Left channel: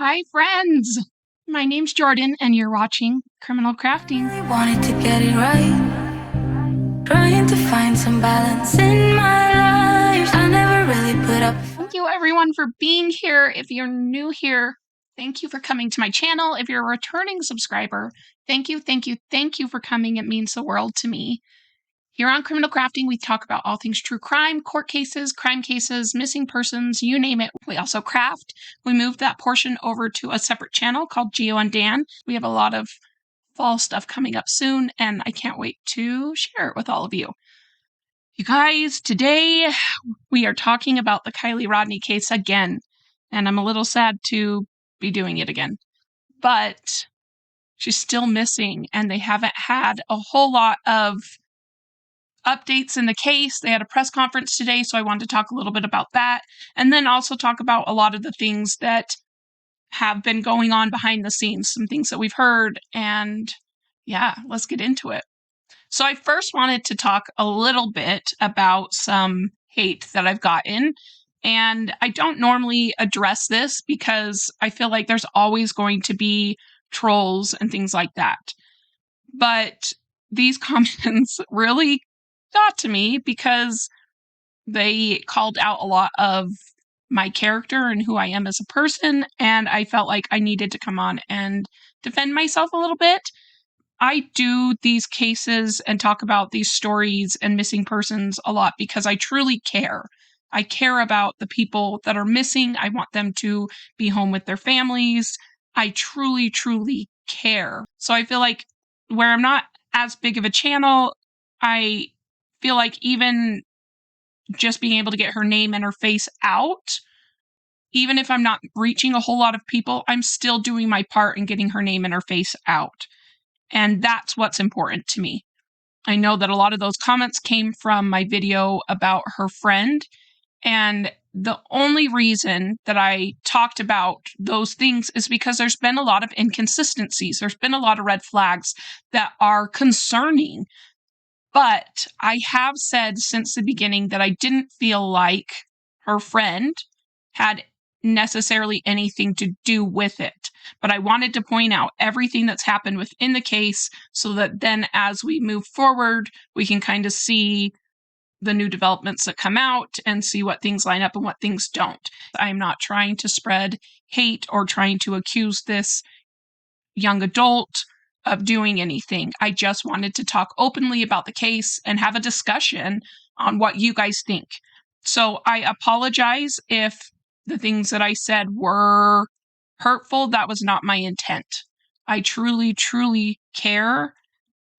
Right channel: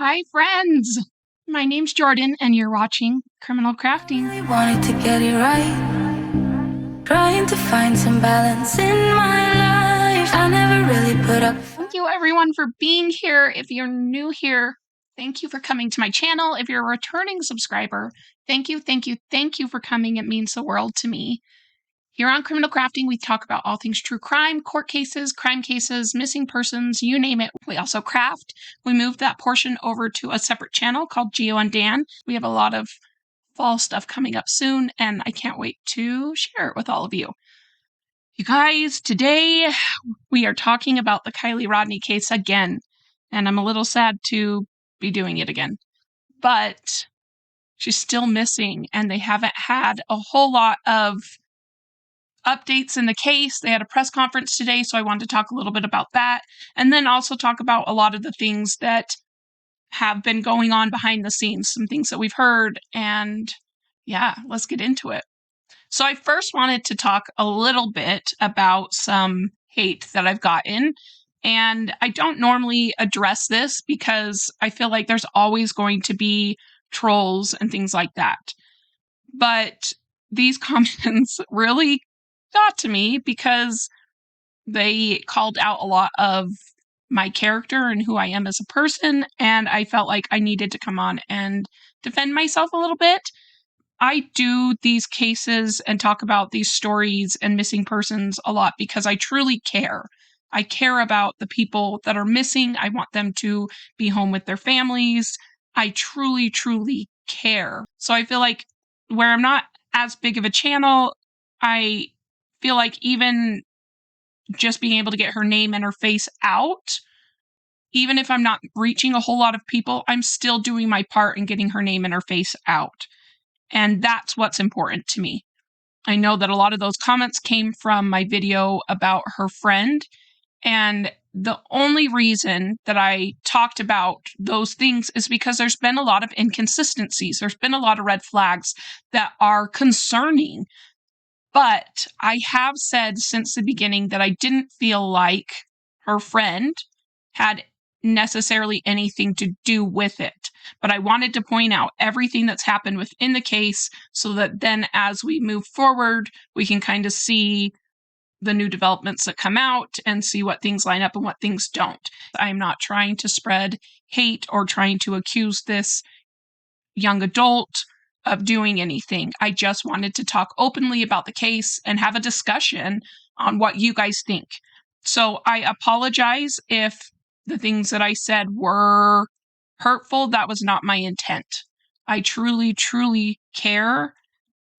Hi, friends! My name's Jordan, and you're watching Criminal Crafting. I really wanted to get it right, trying to find some balance in my life. I never really put up. Thank you, everyone, for being here. If you're new here, thank you for coming to my channel. If you're a returning subscriber, thank you for coming. It means the world to me. Here on Criminal Crafting, we talk about all things true crime, court cases, crime cases, missing persons, you name it. We also craft. We moved that portion over to a separate channel called Geo and Dan. We have a lot of fall stuff coming up soon, and I can't wait to share it with all of you. You guys, today we are talking about the Kiely Rodni case again, and I'm a little sad to be doing it again. But she's still missing, and they haven't had a whole lot of updates in the case. They had a press conference today, so I wanted to talk a little bit about that, and then also talk about a lot of the things that have been going on behind the scenes, some things that we've heard, and yeah, let's get into it. So I first wanted to talk a little bit about some hate that I've gotten, and I don't normally address this because I feel like there's always going to be trolls and things like that. But these comments really got to me because they called out a lot of my character and who I am as a person, and I felt like I needed to come on and defend myself a little bit. I do these cases and talk about these stories and missing persons a lot because I truly care. I care about the people that are missing. I want them to be home with their families. I truly care. So I feel like where I'm not as big of a channel, I feel like even just being able to get her name and her face out, even if I'm not reaching a whole lot of people, I'm still doing my part in getting her name and her face out. And that's what's important to me. I know that a lot of those comments came from my video about her friend, and the only reason that I talked about those things is because there's been a lot of inconsistencies. There's been a lot of red flags that are concerning. But I have said since the beginning that I didn't feel like her friend had necessarily anything to do with it. But I wanted to point out everything that's happened within the case so that then as we move forward, we can kind of see the new developments that come out and see what things line up and what things don't. I'm not trying to spread hate or trying to accuse this young adult of doing anything. I just wanted to talk openly about the case and have a discussion on what you guys think. So I apologize if the things that I said were hurtful. That was not my intent. I truly care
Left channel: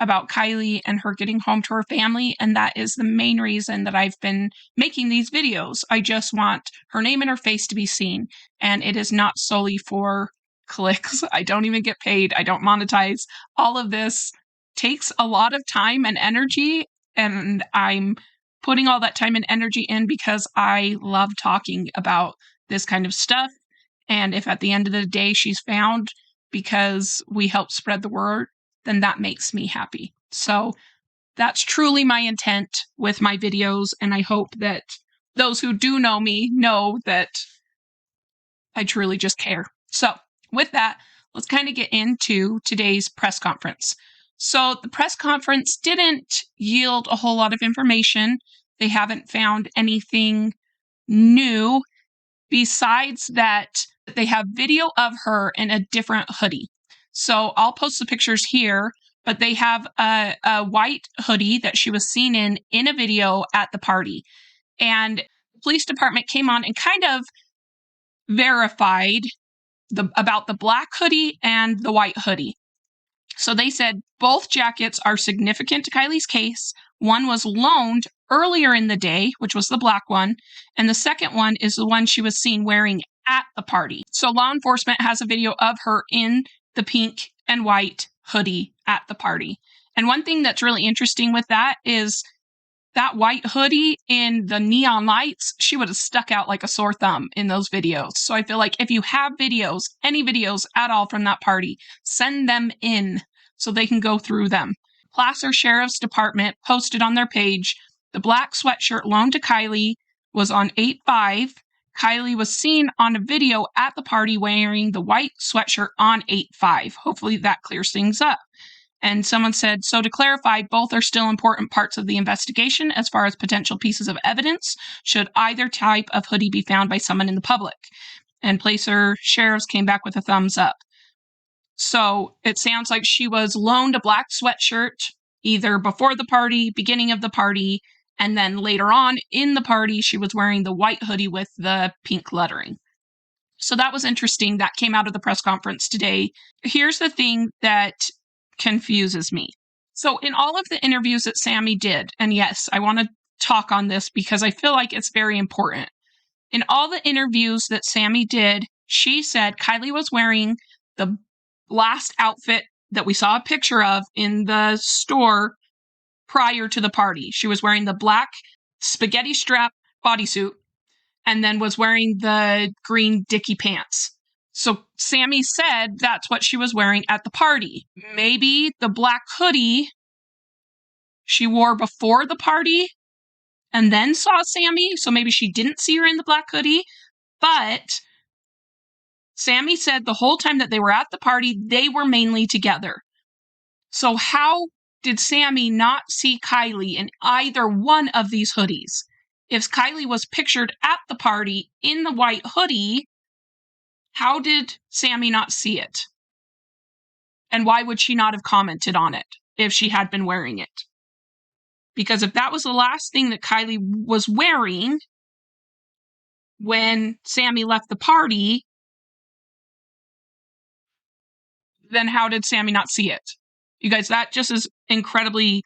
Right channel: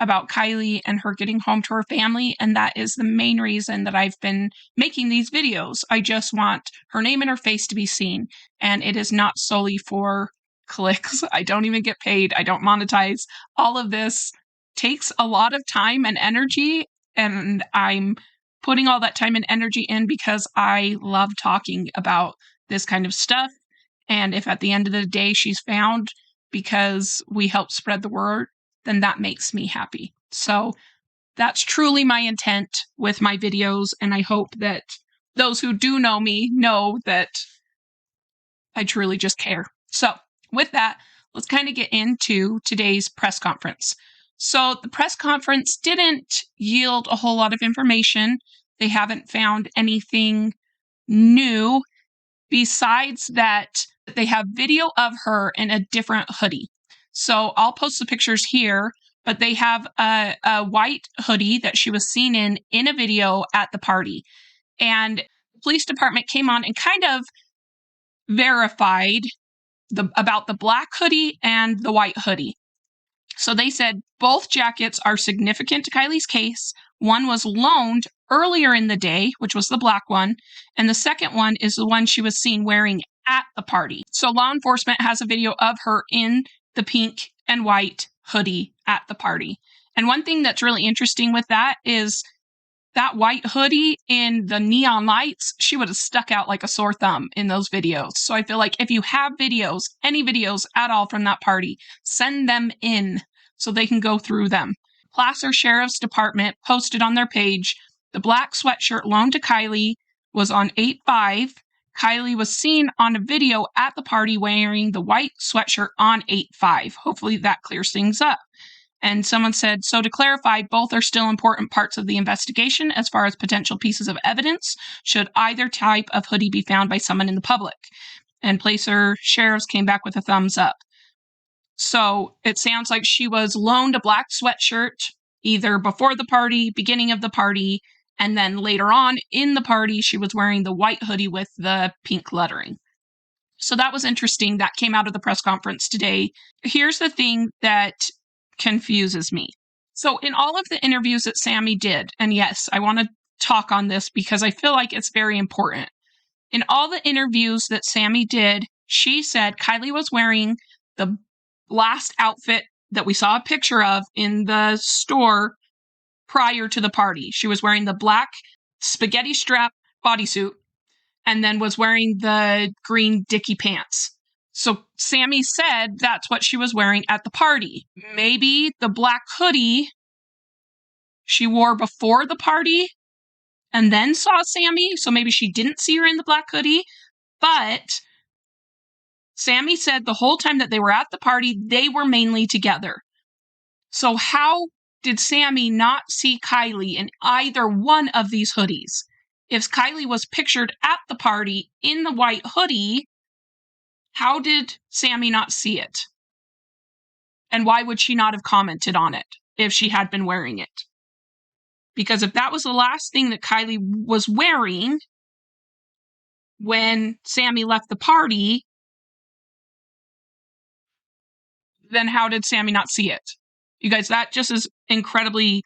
about Kiely and her getting home to her family, and that is the main reason that I've been making these videos. I just want her name and her face to be seen, and it is not solely for clicks. I don't even get paid. I don't monetize. All of this takes a lot of time and energy, and I'm putting all that time and energy in because I love talking about this kind of stuff. And if at the end of the day she's found because we help spread the word, then that makes me happy. So that's truly my intent with my videos, and I hope that those who do know me know that I truly just care. So with that, let's kind of get into today's press conference. So the press conference didn't yield a whole lot of information. They haven't found anything new besides that they have video of her in a different hoodie. So I'll post the pictures here, but they have a white hoodie that she was seen in a video at the party. And the police department came on and kind of verified about the black hoodie and the white hoodie. So they said both jackets are significant to Kiely's case. One was loaned earlier in the day, which was the black one, and the second one is the one she was seen wearing at the party. So law enforcement has a video of her in the pink and white hoodie at the party. And one thing that's really interesting with that is that white hoodie in the neon lights, she would have stuck out like a sore thumb in those videos. So I feel like if you have videos, any videos at all from that party, send them in so they can go through them. Placer Sheriff's Department posted on their page, the black sweatshirt loaned to Kiely was on 8/5. Kiely was seen on a video at the party wearing the white sweatshirt on 8/5. Hopefully that clears things up. And someone said, so to clarify, both are still important parts of the investigation as far as potential pieces of evidence should either type of hoodie be found by someone in the public. And Placer Sheriffs came back with a thumbs up. So it sounds like she was loaned a black sweatshirt either before the party, beginning of the party, and then later on in the party, she was wearing the white hoodie with the pink lettering. So that was interesting. That came out of the press conference today. Here's the thing that confuses me. So in all of the interviews that Sammy did, and yes, I want to talk on this because I feel like it's very important. In all the interviews that Sammy did, she said Kiely was wearing the last outfit that we saw a picture of in the store prior to the party. She was wearing the black spaghetti strap bodysuit and then was wearing the green dicky pants. So Sammy said that's what she was wearing at the party. Maybe the black hoodie she wore before the party and then saw Sammy, so maybe she didn't see her in the black hoodie. But Sammy said the whole time that they were at the party, they were mainly together. So how did Sammy not see Kiely in either one of these hoodies? If Kiely was pictured at the party in the white hoodie, how did Sammy not see it? And why would she not have commented on it if she had been wearing it? Because if that was the last thing that Kiely was wearing when Sammy left the party, then how did Sammy not see it? You guys, that just is incredibly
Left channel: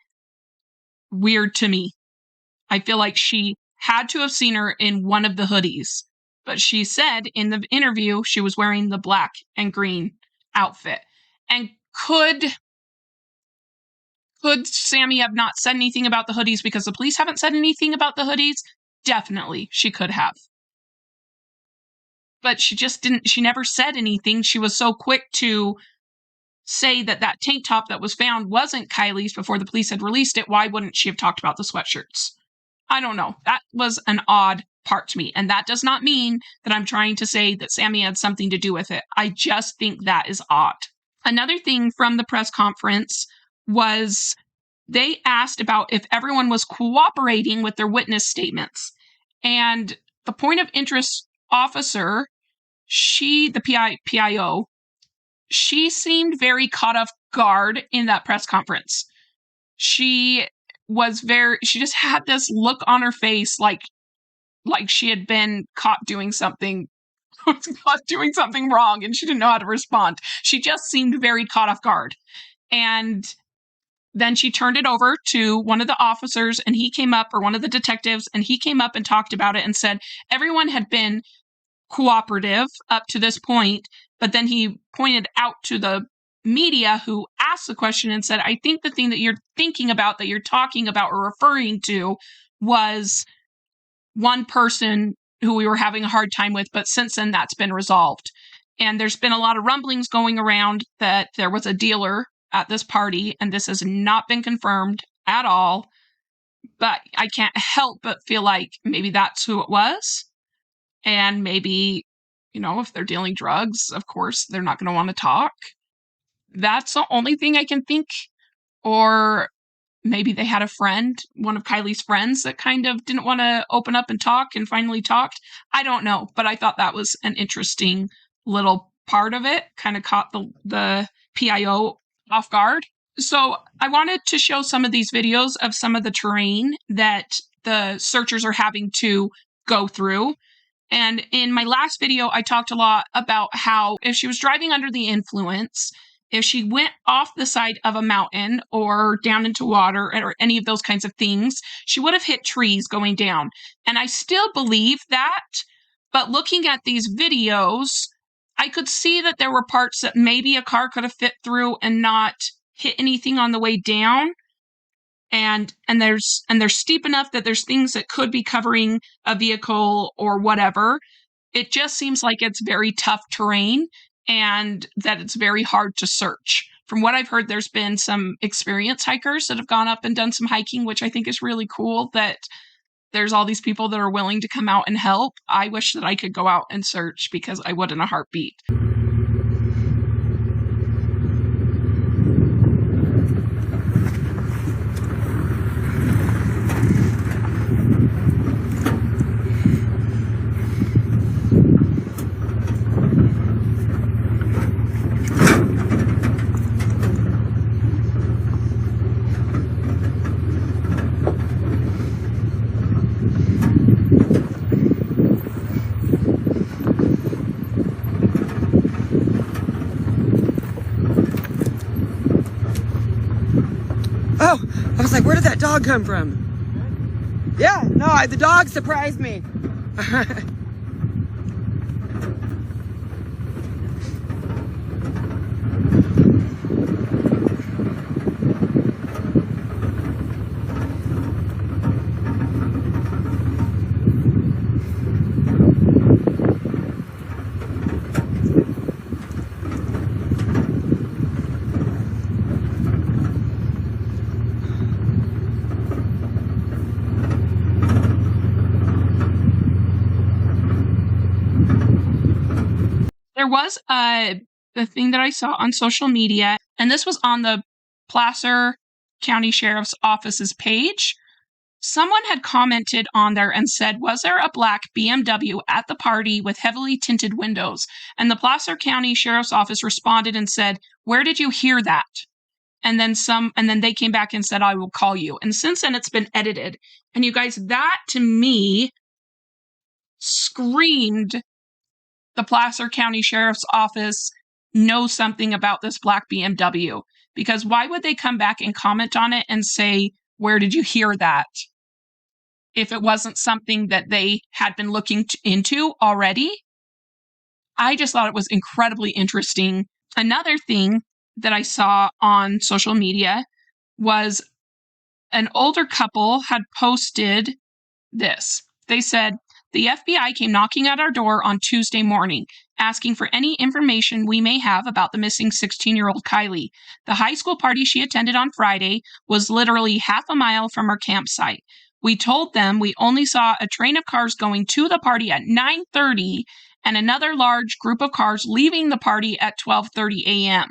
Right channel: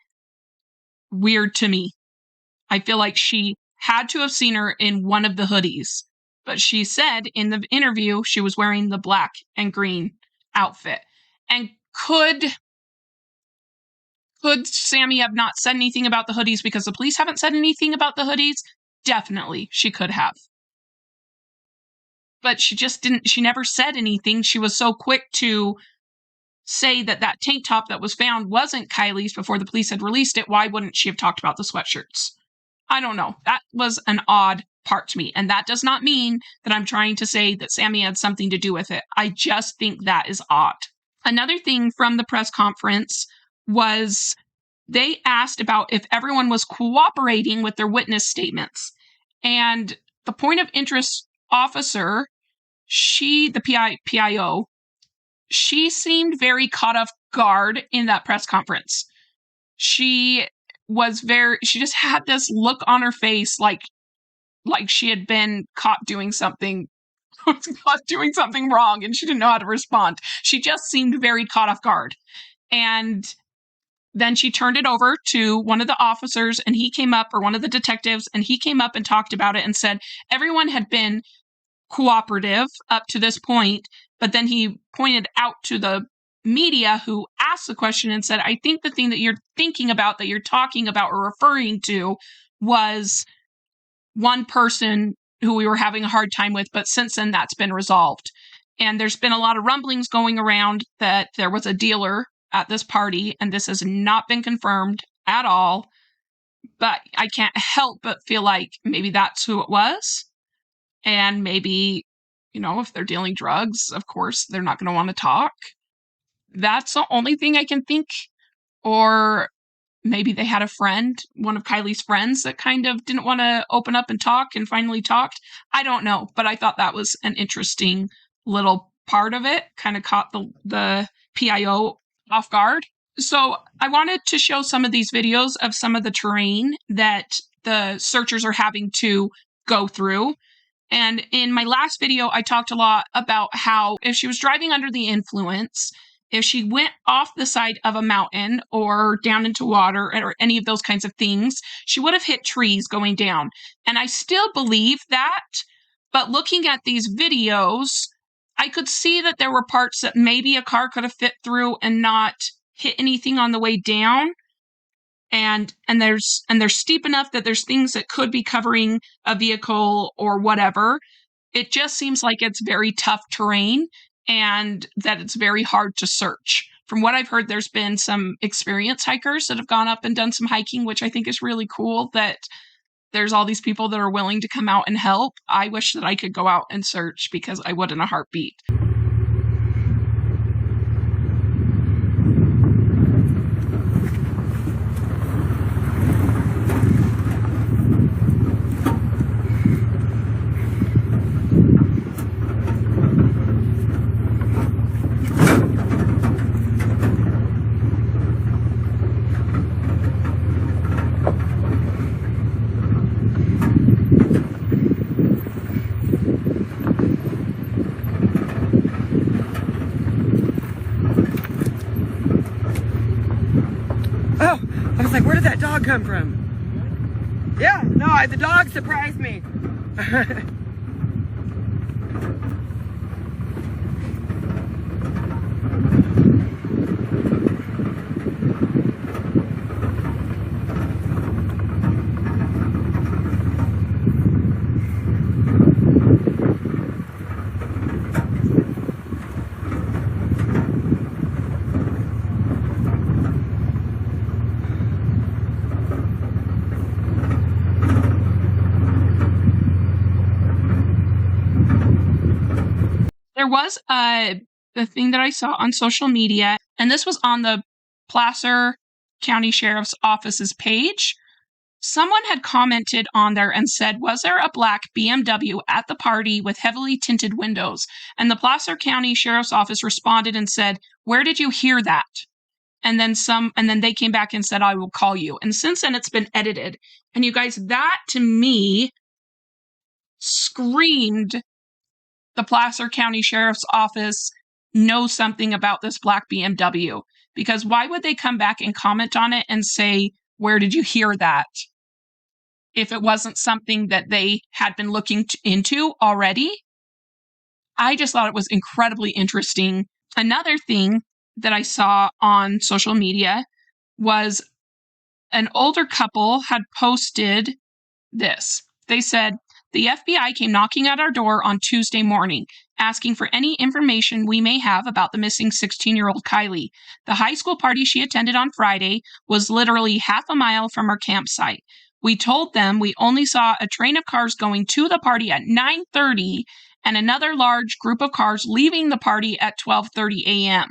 weird to me. I feel like she had to have seen her in one of the hoodies. But she said in the interview she was wearing the black and green outfit. And could Sammy have not said anything about the hoodies because the police haven't said anything about the hoodies? Definitely, she could have. But she just didn't, she never said anything. She was so quick to say that that tank top that was found wasn't Kiely's before the police had released it. Why wouldn't she have talked about the sweatshirts? I don't know. That was an odd part to me. And that does not mean that I'm trying to say that Sammy had something to do with it. I just think that is odd. Another thing from the press conference was they asked about if everyone was cooperating with their witness statements. And the point of interest officer, the PIO, she seemed very caught off guard in that press conference. She just had this look on her face like she had been caught doing something wrong and she didn't know how to respond. She just seemed very caught off guard. And then she turned it over to one of the officers and he came up, or one of the detectives, and he came up and talked about it and said everyone had been cooperative up to this point, but then he pointed out to the media who asked the question and said, I think the thing that you're thinking about, that you're talking about or referring to, was one person who we were having a hard time with, but since then that's been resolved. And there's been a lot of rumblings going around that there was a dealer at this party, and this has not been confirmed at all, but I can't help but feel like maybe that's who it was. And maybe, if they're dealing drugs, of course, they're not going to want to talk. That's the only thing I can think. Or maybe they had a friend, one of Kiely's friends, that kind of didn't want to open up and talk and finally talked. I don't know, but I thought that was an interesting little part of it. Kind of caught the PIO off guard. So I wanted to show some of these videos of some of the terrain that the searchers are having to go through. And in my last video, I talked a lot about how if she was driving under the influence, if she went off the side of a mountain or down into water or any of those kinds of things, she would have hit trees going down. And I still believe that, but looking at these videos, I could see that there were parts that maybe a car could have fit through and not hit anything on the way down. And they're steep enough that there's things that could be covering a vehicle or whatever. It just seems like it's very tough terrain and that it's very hard to search. From what I've heard, there's been some experienced hikers that have gone up and done some hiking, which I think is really cool, that there's all these people that are willing to come out and help. I wish that I could go out and search, because I would in a heartbeat. Oh, I was like, where did that dog come from? Yeah, no, the dog surprised me. There was the thing that I saw on social media, and this was on the Placer County Sheriff's Office's page. Someone had commented on there and said, was there a black BMW at the party with heavily tinted windows? And the Placer County Sheriff's Office responded and said, where did you hear that? And then they came back and said, I will call you. And since then it's been edited. And you guys, that to me screamed the Placer County Sheriff's Office knows something about this black BMW. Because why would they come back and comment on it and say, where did you hear that? If it wasn't something that they had been looking into already. I just thought it was incredibly interesting. Another thing that I saw on social media was an older couple had posted this. They said, the FBI came knocking at our door on Tuesday morning, asking for any information we may have about the missing 16-year-old Kiely. The high school party she attended on Friday was literally half a mile from our campsite. We told them we only saw a train of cars going to the party at 9:30 and another large group of cars leaving the party at 12:30 a.m.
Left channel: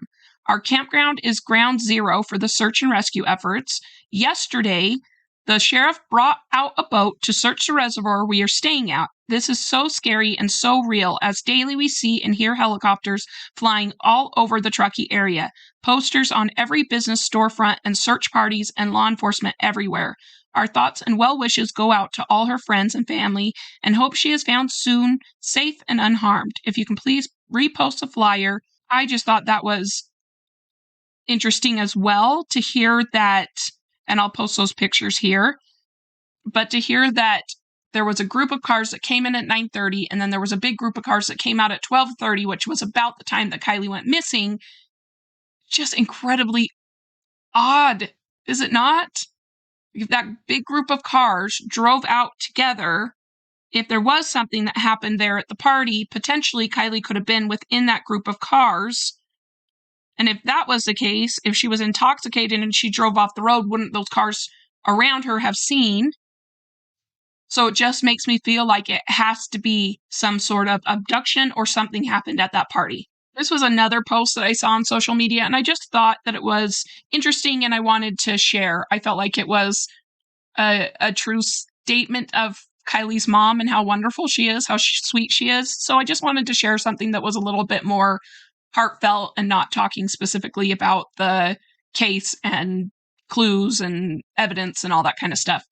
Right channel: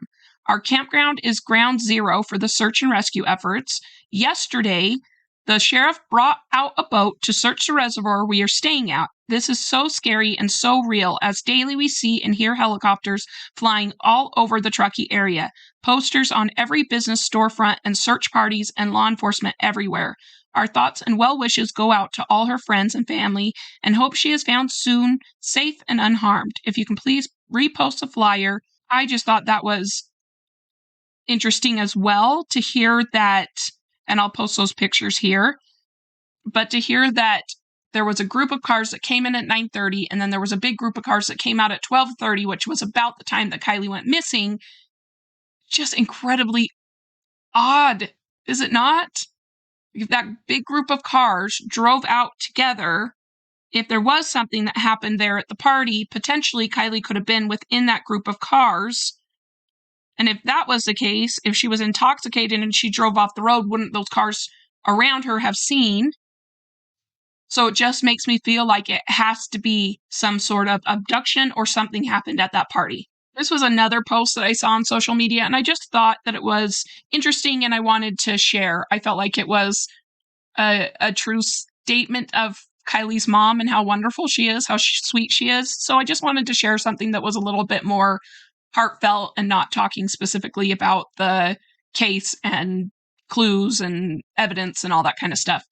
Our campground is ground zero for the search and rescue efforts. Yesterday, the sheriff brought out a boat to search the reservoir we are staying at. This is so scary and so real, as daily we see and hear helicopters flying all over the Truckee area, posters on every business storefront, and search parties and law enforcement everywhere. Our thoughts and well wishes go out to all her friends and family, and hope she is found soon, safe and unharmed. If you can please repost the flyer. I just thought that was interesting as well to hear that, and I'll post those pictures here, but to hear that there was a group of cars that came in at 9:30, and then there was a big group of cars that came out at 12:30, which was about the time that Kiely went missing. Just incredibly odd, is it not? That big group of cars drove out together. If there was something that happened there at the party, potentially Kiely could have been within that group of cars. And if that was the case, if she was intoxicated and she drove off the road, wouldn't those cars around her have seen? So it just makes me feel like it has to be some sort of abduction or something happened at that party. This was another post that I saw on social media, and I just thought that it was interesting and I wanted to share. I felt like it was a true statement of Kiely's mom and how wonderful she is, how sweet she is. So I just wanted to share something that was a little bit more heartfelt and not talking specifically about the case and clues and evidence and all that kind of stuff.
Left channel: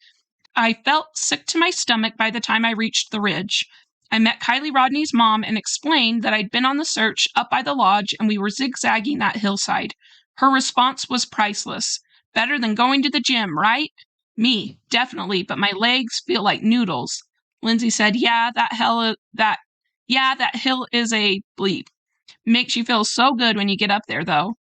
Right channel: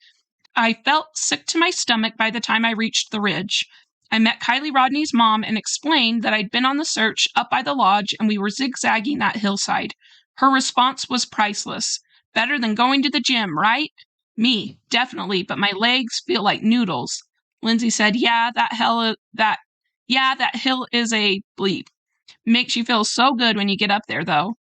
I felt sick to my stomach by the time I reached the ridge. I met Kiely Rodni's mom and explained that I'd been on the search up by the lodge and we were zigzagging that hillside. Her response was priceless. Better than going to the gym, right? Me, definitely, but my legs feel like noodles. Lindsay said, that hill is a bleep. Makes you feel so good when you get up there, though.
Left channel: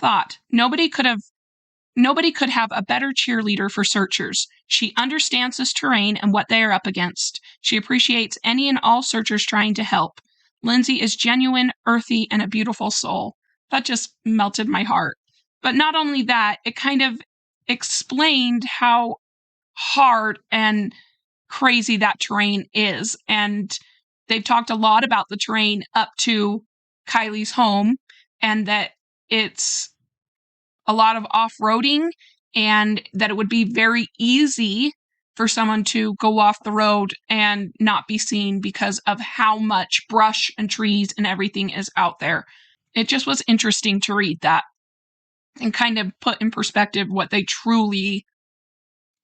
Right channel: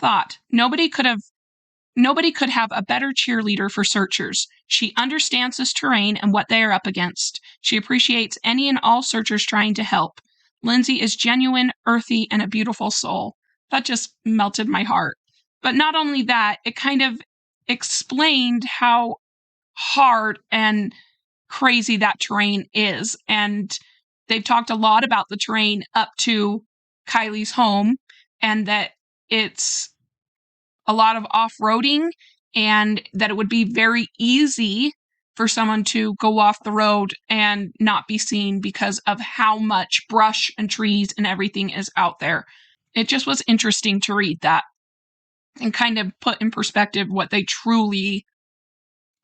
Thought, nobody could have a better cheerleader for searchers. She understands this terrain and what they are up against. She appreciates any and all searchers trying to help. Lindsay is genuine, earthy, and a beautiful soul. That just melted my heart. But not only that, it kind of explained how hard and crazy that terrain is. And they've talked a lot about the terrain up to Kiely's home, and that it's a lot of off-roading, and that it would be very easy for someone to go off the road and not be seen because of how much brush and trees and everything is out there. It just was interesting to read that and kind of put in perspective what they truly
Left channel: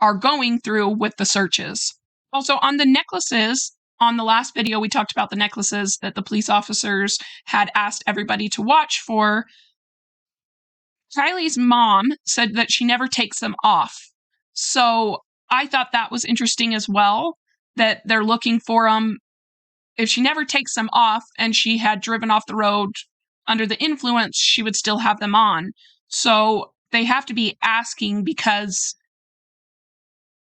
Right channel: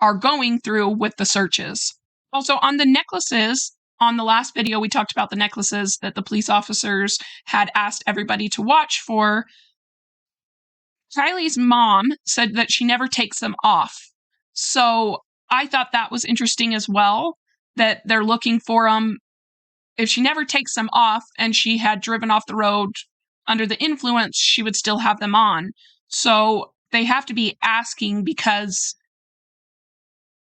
are going through with the searches. Also, on the necklaces, on the last video, we talked about the necklaces that the police officers had asked everybody to watch for. Kiely's mom said that she never takes them off. So I thought that was interesting as well, that they're looking for them. If she never takes them off and she had driven off the road under the influence, she would still have them on. So they have to be asking because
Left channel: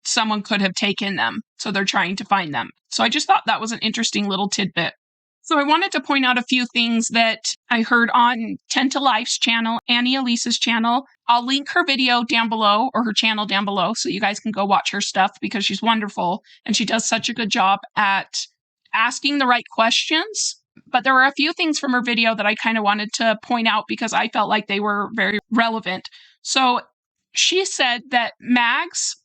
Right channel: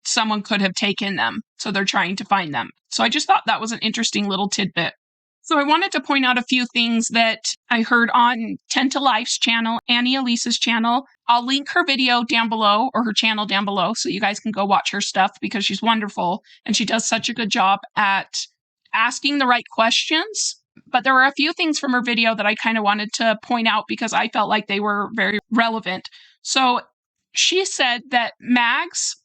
someone could have taken them. So they're trying to find them. So I just thought that was an interesting little tidbit. So I wanted to point out a few things that I heard on 10 to Life's channel, Annie Elise's channel. I'll link her video down below, or her channel down below, so you guys can go watch her stuff because she's wonderful and she does such a good job at asking the right questions. But there were a few things from her video that I kind of wanted to point out because I felt like they were very relevant. So she said that Mags,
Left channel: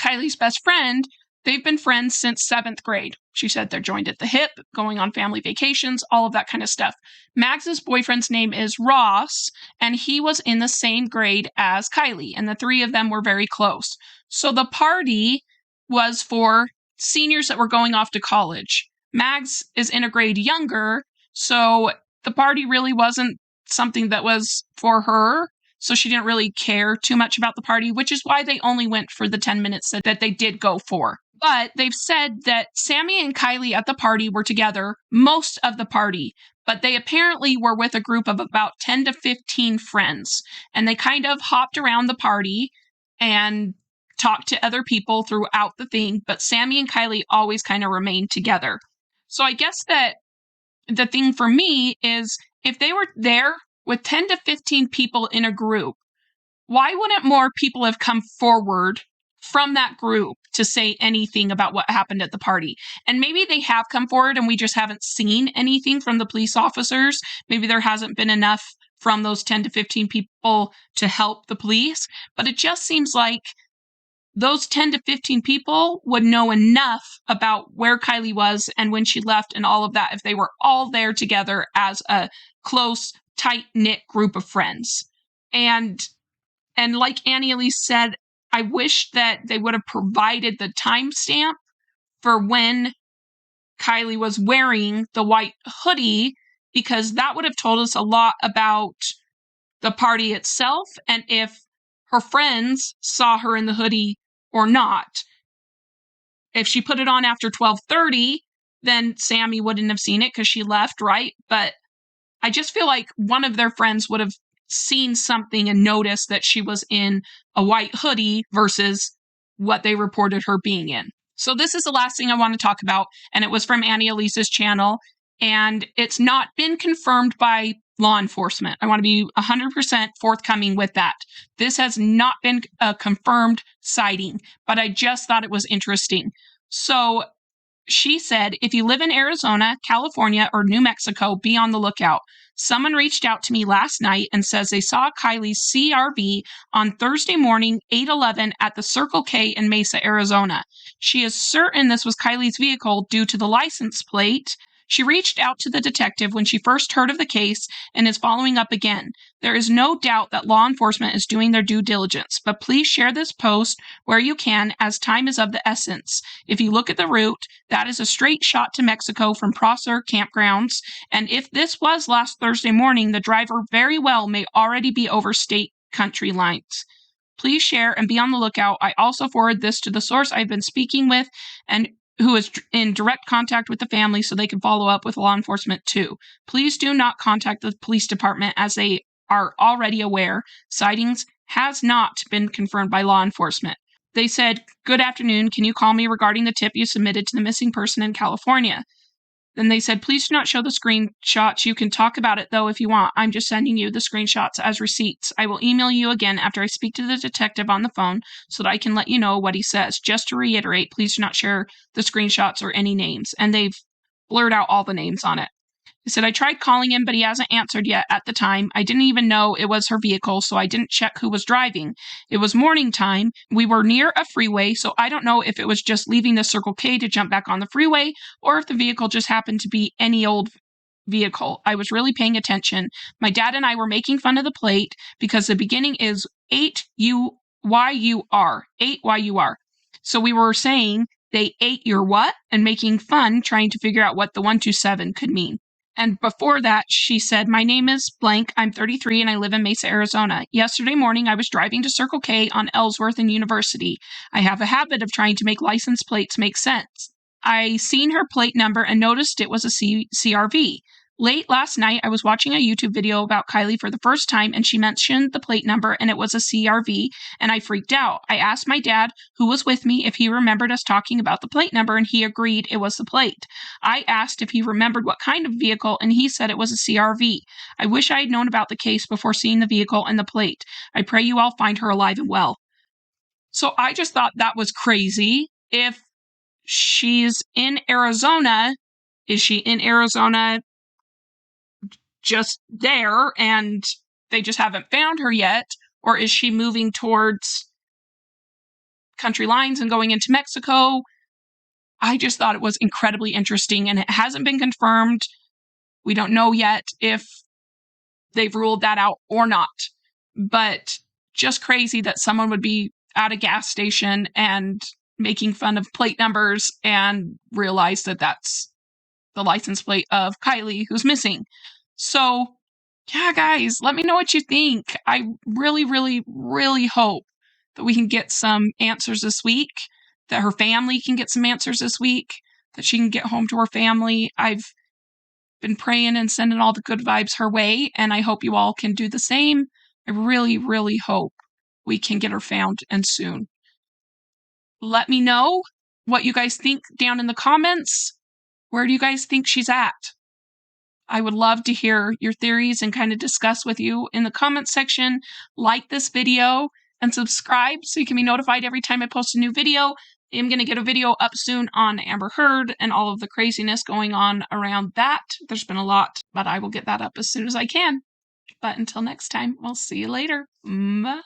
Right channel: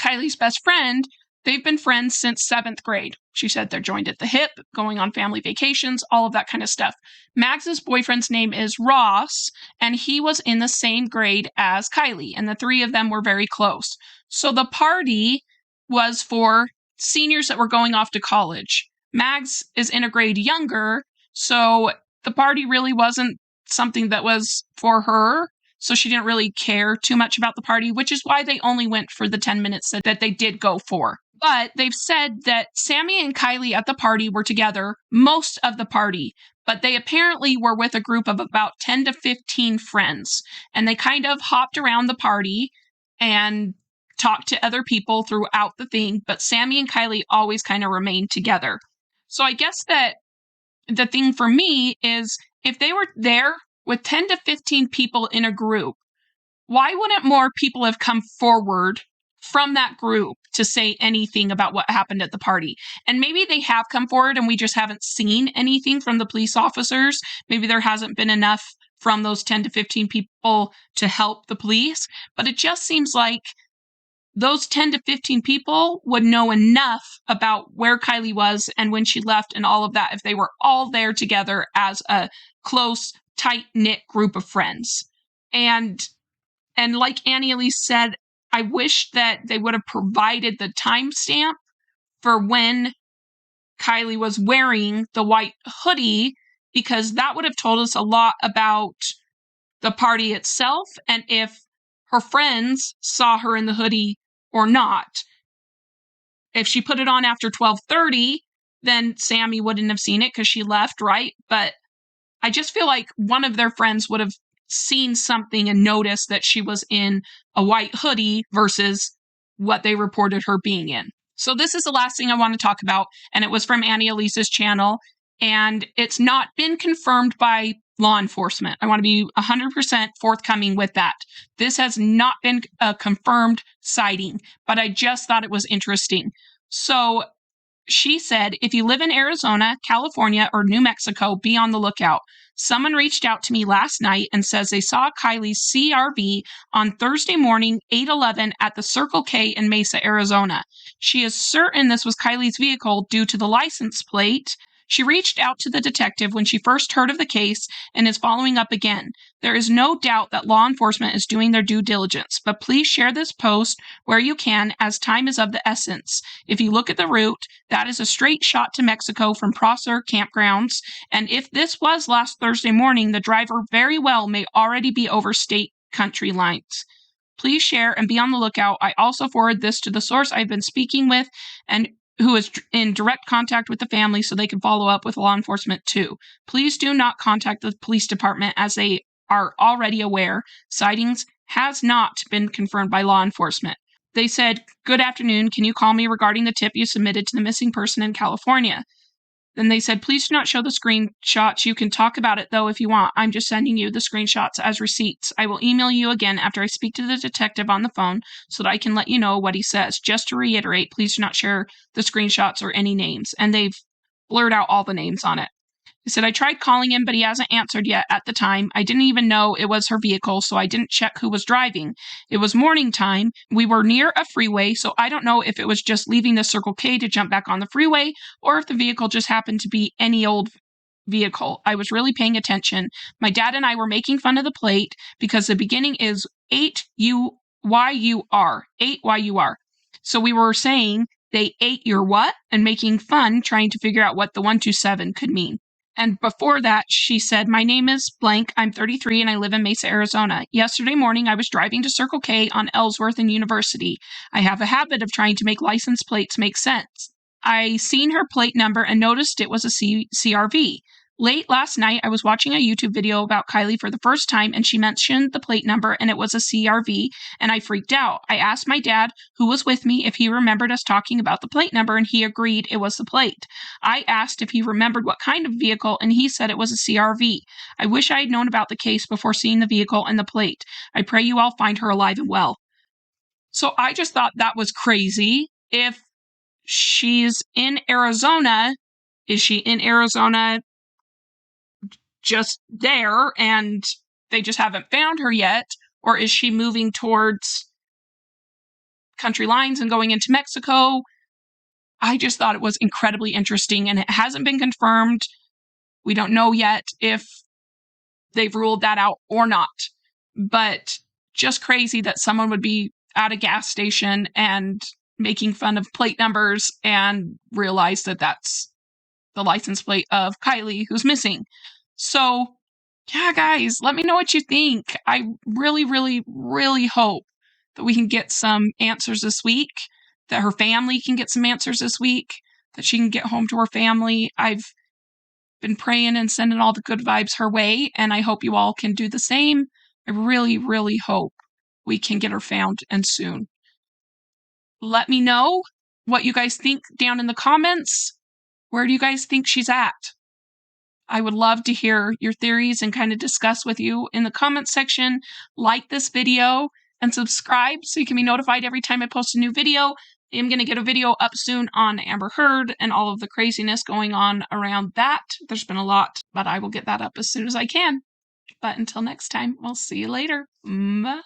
Kiely's best friend, they've been friends since 7th grade. She said they're joined at the hip, going on family vacations, all of that kind of stuff. Mags's boyfriend's name is Ross, and he was in the same grade as Kiely, and the three of them were very close. So the party was for seniors that were going off to college. Mags is in a grade younger, so the party really wasn't something that was for her. So she didn't really care too much about the party, which is why they only went for the 10-minute set that they did go for. But they've said that Sammy and Kiely at the party were together most of the party, but they apparently were with a group of about 10 to 15 friends. And they kind of hopped around the party and talked to other people throughout the thing, but Sammy and Kiely always kind of remained together. So I guess that the thing for me is, if they were there with 10 to 15 people in a group, why wouldn't more people have come forward from that group to say anything about what happened at the party? And maybe they have come forward and we just haven't seen anything from the police officers. Maybe there hasn't been enough from those 10 to 15 people to help the police. But it just seems like those 10 to 15 people would know enough about where Kiely was and when she left and all of that if they were all there together as a close, tight-knit group of friends. And like Annie Elise said, I wish that they would have provided the timestamp for when Kiely was wearing the white hoodie, because that would have told us a lot about the party itself and if her friends saw her in the hoodie or not. If she put it on after 12:30, then Sammy wouldn't have seen it because she left, right? But I just feel like one of their friends would have noticed that she was in a white hoodie versus what they reported her being in. So this is the last thing I want to talk about, and it was from Annie Elise's channel, and it's not been confirmed by law enforcement. I want to be 100% forthcoming with that. This has not been a confirmed sighting, but I just thought it was interesting. So she said, if you live in Arizona, California, or New Mexico, be on the lookout. Someone reached out to me last night and says they saw Kiely's CRV on Thursday morning, 8/11, at the Circle K in Mesa, Arizona. She is certain this was Kiely's vehicle due to the license plate. She reached out to the detective when she first heard of the case and is following up again. There is no doubt that law enforcement is doing their due diligence, but please share this post where you can, as time is of the essence. If you look at the route, that is a straight shot to Mexico from Prosser campgrounds, and if this was last Thursday morning, the driver very well may already be over state country lines. Please share and be on the lookout. I also forward this to the source I've been speaking with and who is in direct contact with the family so they can follow up with law enforcement too. Please do not contact the police department as they are already aware. Sightings has not been confirmed by law enforcement. They said, "Good afternoon. Can you call me regarding the tip you submitted to the missing person in California?" Then they said, please do not show the screenshots. You can talk about it, though, if you want. I'm just sending you the screenshots as receipts. I will email you again after I speak to the detective on the phone so that I can let you know what he says. Just to reiterate, please do not share the screenshots or any names. And they've blurred out all the names on it. He said, I tried calling him, but he hasn't answered yet at the time. I didn't even know it was her vehicle, so I didn't check who was driving. It was morning time. We were near a freeway, so I don't know if it was just leaving the Circle K to jump back on the freeway or if the vehicle just happened to be any old vehicle. I was really paying attention. My dad and I were making fun of the plate because the beginning is 8YUR. 8YUR. So we were saying they ate your what and making fun trying to figure out what the 127 could mean. And before that, she said, my name is blank. I'm 33 and I live in Mesa, Arizona. Yesterday morning, I was driving to Circle K on Ellsworth and University. I have a habit of trying to make license plates make sense. I seen her plate number and noticed it was a CRV. Late last night, I was watching a YouTube video about Kiely for the first time, and she mentioned the plate number, and it was a CRV, and I freaked out. I asked my dad, who was with me, if he remembered us talking about the plate number, and he agreed it was the plate. I asked if he remembered what kind of vehicle, and he said it was a CRV. I wish I had known about the case before seeing the vehicle and the plate. I pray you all find her alive and well. So I just thought that was crazy. If she's in Arizona, is she in Arizona just there and they just haven't found her yet? Or is she moving towards country lines and going into Mexico? I just thought it was incredibly interesting, and it hasn't been confirmed. We don't know yet if they've ruled that out or not. But just crazy that someone would be at a gas station and making fun of plate numbers and realize that that's the license plate of Kiely who's missing. So, yeah, guys, let me know what you think. I really, really, really hope that we can get some answers this week, that her family can get some answers this week, that she can get home to her family. I've been praying and sending all the good vibes her way, and I hope you all can do the same. I really, really hope we can get her found and soon. Let me know what you guys think down in the comments. Where do you guys think she's at? I would love to hear your theories and kind of discuss with you in the comments section. Like this video and subscribe so you can be notified every time I post a new video. I'm going to get a video up soon on Amber Heard and all of the craziness going on around that. There's been a lot, but I will get that up as soon as I can. But until next time, I'll see you later. Bye.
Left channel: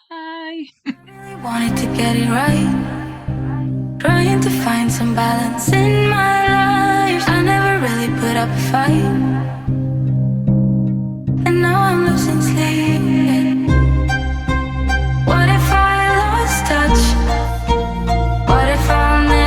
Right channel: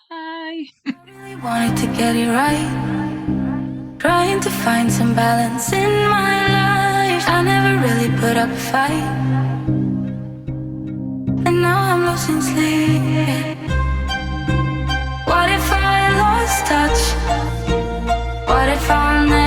I really wanted to get it right, trying to find some balance in my life. I never really put up a fight, and now I'm losing sleep. What if I lost touch? What if I'll never